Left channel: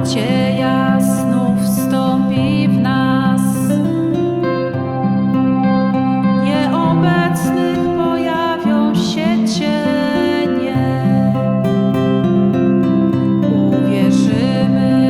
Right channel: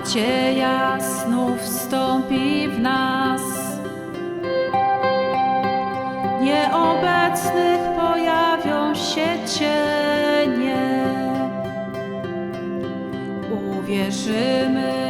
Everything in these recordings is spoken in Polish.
a nadzieja znów wstąpi w nas. Nieobecnych pojawią się cienie. Uwierzymy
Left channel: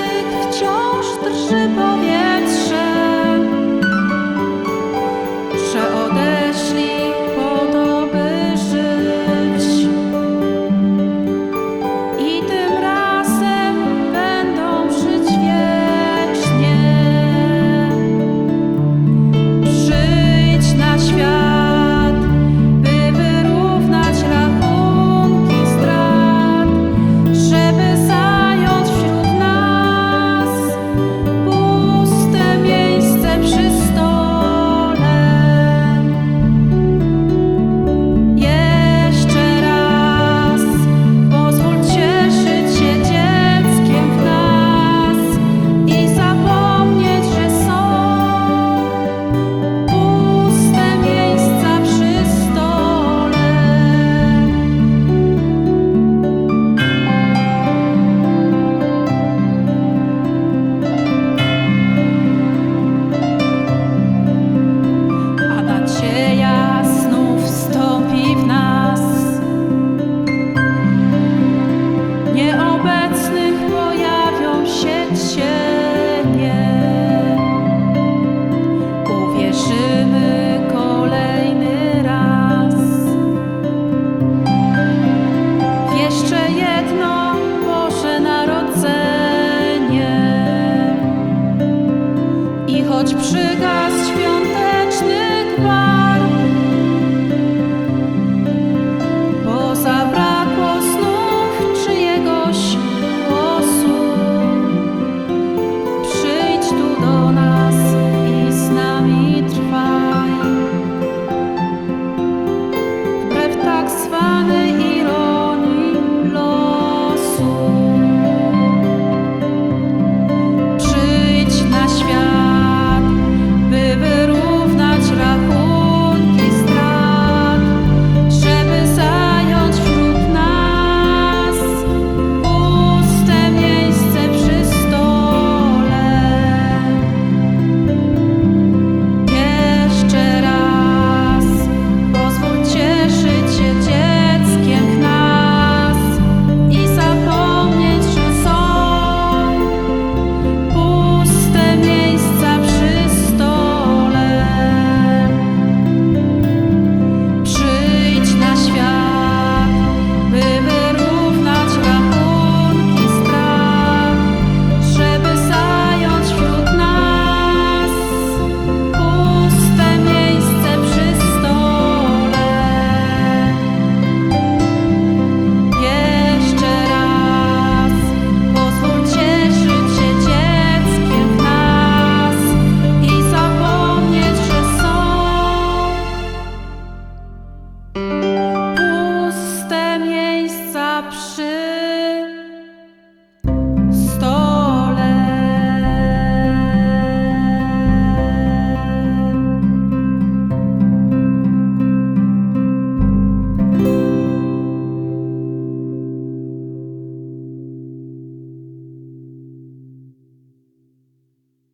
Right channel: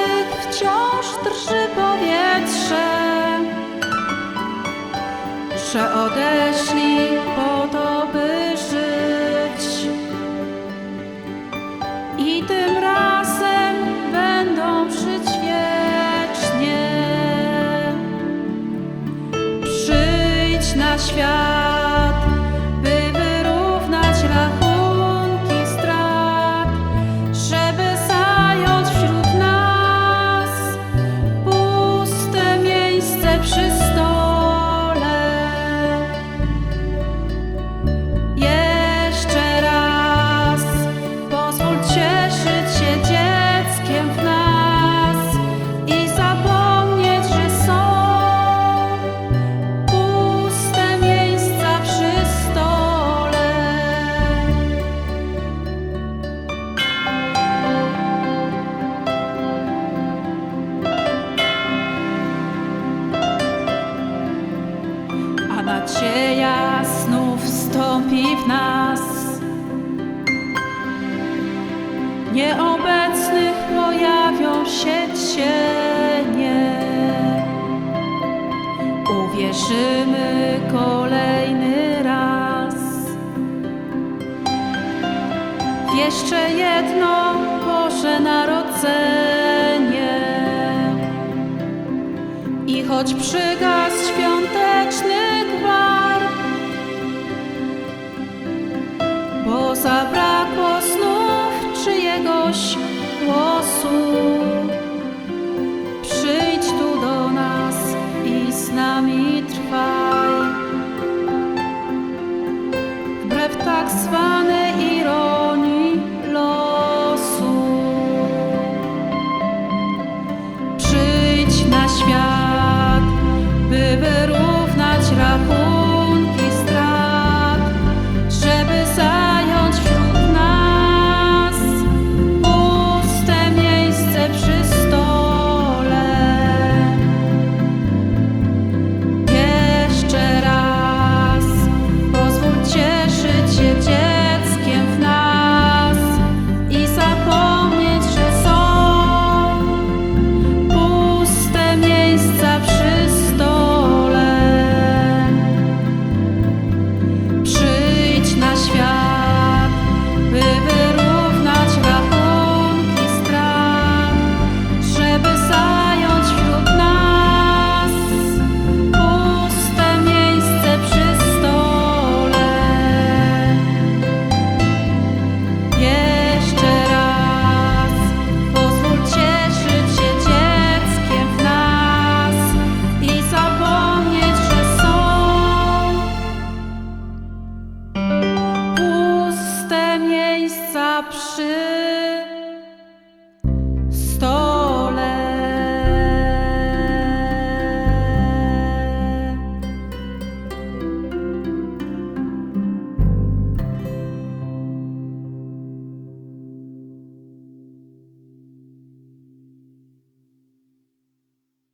wciąż drży powietrze, że odeszli po to, by żyć. I tym razem będą żyć wiecznie. Przyjdź na świat, pojawią się cienie. Uwierzymy kolejny raz jeszcze jedno Boże Narodzenie. I choć przygasł świąteczny gwar, bo zabrakło znów czyjegoś głosu, tak zwanej ironii losu. Przyjdź na świat, by wyrównać rachunek. świat, by wyrównać rachunki strat, żeby zająć wśród nas puste miejsce przy stole. Jeszcze raz pozwól cieszyć się. przy